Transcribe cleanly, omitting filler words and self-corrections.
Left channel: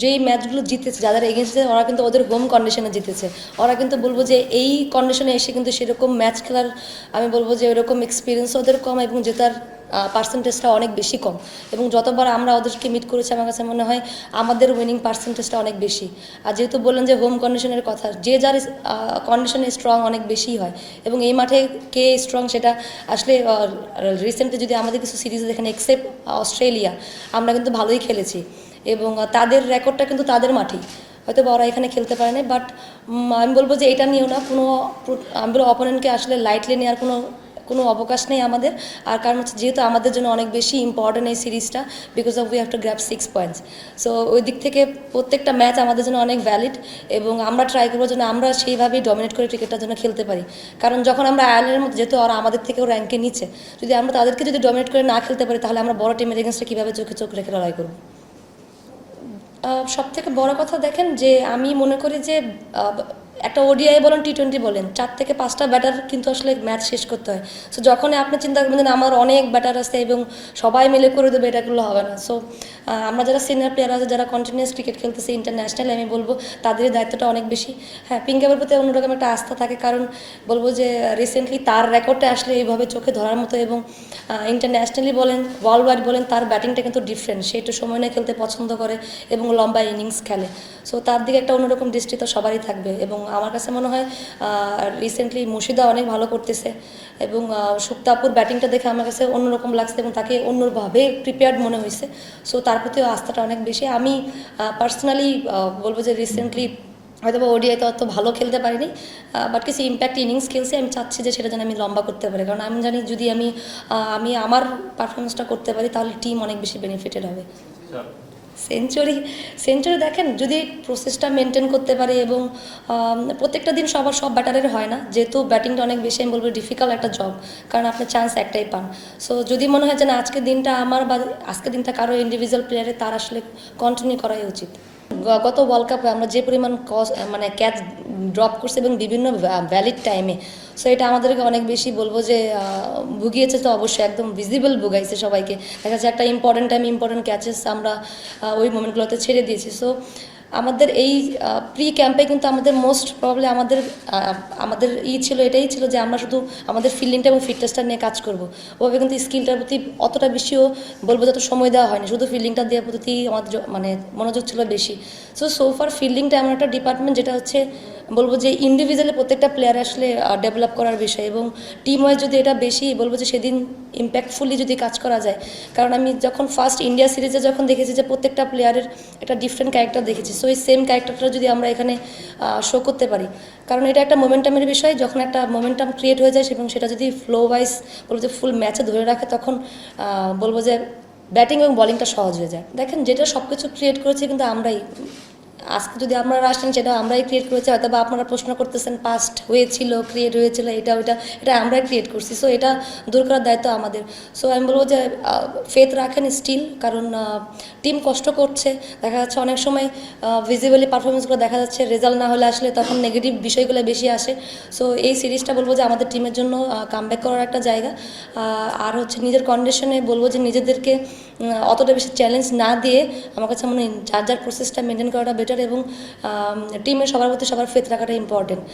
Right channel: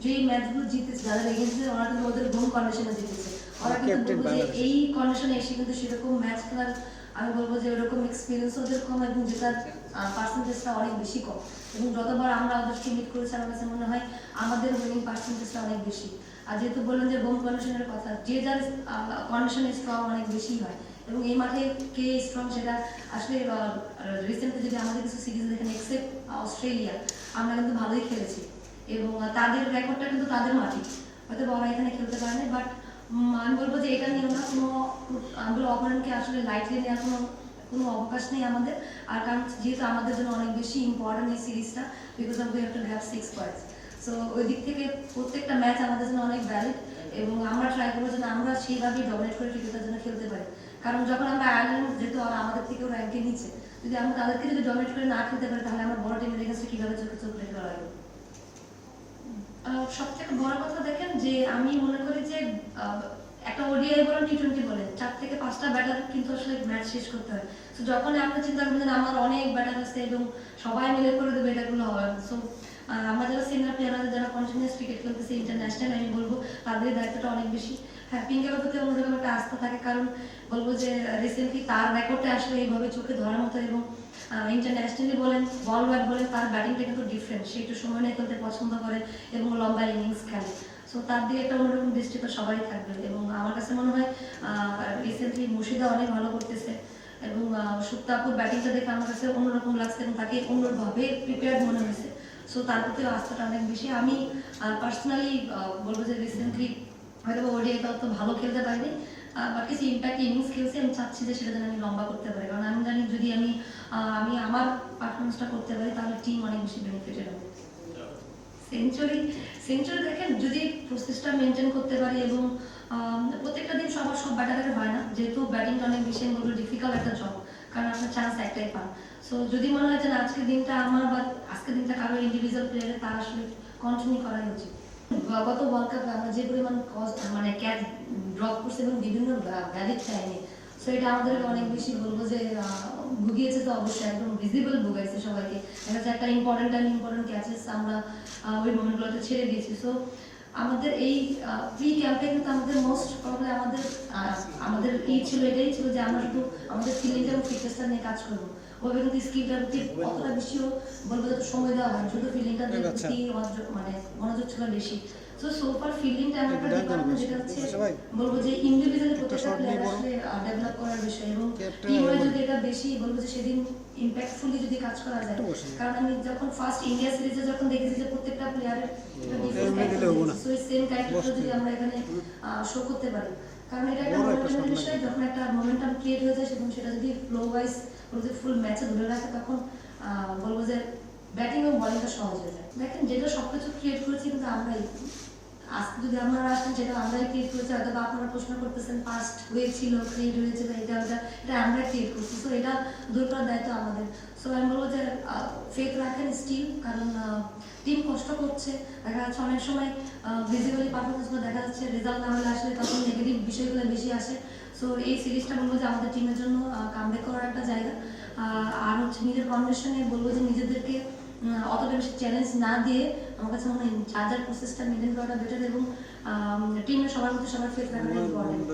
যেই ম্যাচগুলো জিতেছে যাদের এগেনস্টে ওরা কিন্তু ওদের হোম কন্ডিশনে জিতেছে। ওরা কিন্তু বলবো যে এই কন্ডিশনে এসে কিন্তু সেরকম ম্যাচ খেলার আমি বলবো যে ওরকম এক্সপিরিয়েন্স ওদের কম এবং জেতার পার্সেন্টেজটা অনেক বেশি কম। এবং যতবার আমরা ওদেরকে মিট করেছি আমার কাছে মনে হয় আমাদের উইনিং পার্সেন্টেজটা অনেক বেশি। আর যেহেতু বললেন যে হোম কন্ডিশনের কথা, যে যার কন্ডিশনে স্ট্রং অনেক বেশি হয় এবং এই মাঠে কে স্ট্রং সেটা আসলে রিসেন্টলি যদি আমাদের কিছু সিরিজ দেখেন এক্সেপ্ট অস্ট্রেলিয়া আমরা কিন্তু ভালোই খেলেছি এবং তাদের রেকর্ডটা কিন্তু তাদের মাঠেই, হয়তো ওরা এখানে খেলতে পারে না। বাট আমি বলবো যে এটা নিয়েও না কোনো, আমি বলবো অপোনেন্টকে আসলে লাইটলি নেওয়ার কোনো কোনো অবকাশ নেই আমাদের। আর কারণ হচ্ছে যেহেতু আমাদের জন্য অনেক বেশি ইম্পর্টেন্ট এই সিরিজটা, because of we have to grab 6 points. So ওই দিক থেকে প্রত্যেকটা ম্যাচ আমাদের জন্য অনেক ভ্যালিড এবং আমরা ট্রাই করবো যেন আমরা সেইভাবেই ডমিনেট করে ক্রিকেটটার জন্য খেলতে পারি। কারণ যখন আমরা আয়ারল্যান্ডের মধ্যে যেহেতু ওরা আমাদের থেকেও র্যাঙ্কে নিচে, যদি আমরা তাদেরকে যদি ডমিনেট করে না খেলতে পারি তাহলে আমরা বড় টিমের এগেনস্টে কীভাবে চোখে চোখ রেখে লড়াই করবো। সব থেকে বড় কথা দেখেন যে আমি মনে করি যে একটা ওডিআই বলেন টি20 বলেন 4 থেকে 5টা ব্যাটার কিন্তু আসলে ম্যাচ শেষ করতে হয়। সো যখনই আপনি চিন্তা করবেন যে আমার অনেক ব্যাটার আছে এবং সবাই মিলে করে দেবে, এটাগুলো হবে না। সো আমরা যারা সিনিয়র প্লেয়ার আছে যারা কন্টিনিউয়াস ক্রিকেট খেলতেছে ইন্টারন্যাশনালি, আমি বলবো তাদের দায়িত্বটা অনেক বেশি। হ্যাঁ, পিঙ্গাবের প্রতি অন্যরকম একটা আস্থা থাকে, কারণ বলবো যে রিসেন্টলি তার রেকর্ডটা আসলে এইভাবে চোখে ধরার মতো এবং ইন্টারন্যাশনালি বলেন ওয়ার্ল্ড ওয়াইড বলেন তার ব্যাটিংটা কিন্তু ডিফারেন্ট। সে একটু সময় নিয়ে খেলতে পছন্দ করে এবং লম্বা ইনিংস খেলে। সো তার দিকে একটা অন্যরকম দৃষ্টি তো সবারই থাকবে এবং আমার কাছে মনে হয় রিসেন্টলি মুর্শিদা অনেক ভালো করতেছে এবং সুপ্তাপুর ব্যাটিংটা দেখে আমার কাছে অন্যরকম লাগছে এবং তাকে অন্যভাবে প্রিপেয়ার্ড মনে হয়েছে। সো তার প্রতিও আস্থাটা অনেক বেশি। আমি পার্সোনালি বলবো যে রিসেন্টলি হয়তো বা ওডিআইতে অত ভালো খেলতে পারিনি, বাট কিছু ইম্প্যাক্ট ইনিংস খেলছি। আমি চাচ্ছি যে সেটা যেন আমি লম্বা করতে পারি, কারণ আমি জানি যদি আমি আমি আমার পারফরমেন্সটা করতে পারি তাহলে টিম অনেক বেশি বেনিফিটেড হবে। সেঞ্চুরি সেঞ্চুরি দেখেন যদি প্রসেসটা মেনটেন করতে পারে এবং প্রত্যেকটা দিন সবার সব ব্যাটারের হয় না, যেহেতু ব্যাটিংটা অনেক বেশি আমি বলবো ডিফিকাল্ট একটা জব, কারণ আপনি চান্স একটাই পান। সো যদি মনে হয় যে না আজকের দিনটা আমার বা আজকের দিনটা কারো ইন্ডিভিজুয়াল প্লেয়ারের, তার আসলে কন্টিনিউ করাই উচিত। গত ওয়ার্ল্ড কাপে আমরা যে পরিমাণ মানে ক্যাচ ড্রপ করছি এবং বিভিন্ন ভ্যালিড টাইমে, সো এটা আমাদেরকে অনেক বেশি বলবো যে ভুগিয়েছে। তো অবশ্যই একদম ভিজিবল ভুগাইছে সবাইকে, দেখা যাচ্ছে একটা ইম্পর্টেন্ট টাইম ইম্পর্টেন্ট ক্যাচেস আমরা ওই মোমেন্টগুলোতে ছেড়ে দিয়েছি। সো আমাদের এই প্রি ক্যাম্পে কিন্তু আমাদের মোস্ট প্রবলি আমাদের এটাই ছিল যে আমরা শুধু আমাদের ফিল্ডিংটা এবং ফিটনেসটা নিয়ে কাজ করব। ওভাবে কিন্তু স্কিলটার প্রতি অতটা বেশিও বলবো যত সময় দেওয়া হয়নি, শুধু ফিল্ডিংটা দেওয়ার প্রতি আমাদের মানে মনোযোগ ছিল বেশি। সোফার ফিল্ডিংটা এমন একটা ডিপার্টমেন্ট যেটা হচ্ছে বলবো যে ইন্ডিভিজুয়ালি প্রত্যেকটা প্লেয়ার আসলে ডেভেলপ করার বিষয় এবং টিম ওয়াইজ যদি এটা বেশি বলবো যে সেদিন ইম্প্যাক্টফুলি যদি কাজ করা যায়। কারণ আমি যখন ফার্স্ট ইন্ডিয়া সিরিজে যখন দেখেছি যে প্রত্যেকটা প্লেয়ারের একটা ডিফারেন্ট ক্যারেক্টার দেখেছি, সো এই সেম ক্যারেক্টারটা যদি আমরা এখানে শো করতে পারি, কারণ এটা একটা মোমেন্টামের বিষয়। যখন একটা মোমেন্টাম ক্রিয়েট হয়ে যায় এবং সেটা যদি ফ্লো ওয়াইজ বলবো যে ফুল ম্যাচে ধরে রাখে, তখন বলবো যে ব্যাটিং এবং বলিংটা সহজ হয়ে যায়। দেখেন যেটা সব কিছু ক্রিয়েট করেছে কিন্তু আমরাই, আজকে যদি আপনারা আসেন সেটা আমরাই ক্রিয়েট করেছি। হয়তো বা আপনারা প্রশ্ন করতেছেন পাস্ট হয়েছিল ক্রিয়েট হয়েছিল এটা এটা আমরাই ক্রিয়েট করছি। সো এটা দূর করার দায়িত্ব আমাদের। সো আমি বলবো যে ফেথ রাখেন স্টিল, কারণ টিম কষ্ট করছে। দেখা যাচ্ছে অনেক সময় ভিজিবলি পারফরমেন্সগুলো দেখা যাচ্ছে রেজাল্ট না হলে আসলে তখন নেগেটিভ বিষয়গুলো বেশি আসে। সো এই সিরিজটা বলবো যে আমাদের টিমের জন্য কামব্যাক করার একটা জায়গা। আর হচ্ছে নিজের কন্ডিশনে বলবো যে নিজেদেরকে অতটা বেশি চ্যালেঞ্জ না দিয়ে আমার কাছে মনে হয় যার যার প্রসেসটা মেনটেন করাটা বেটার এবং টিমের সবার প্রতি সবার ফেথ রাখাটা ইম্পর্টেন্ট।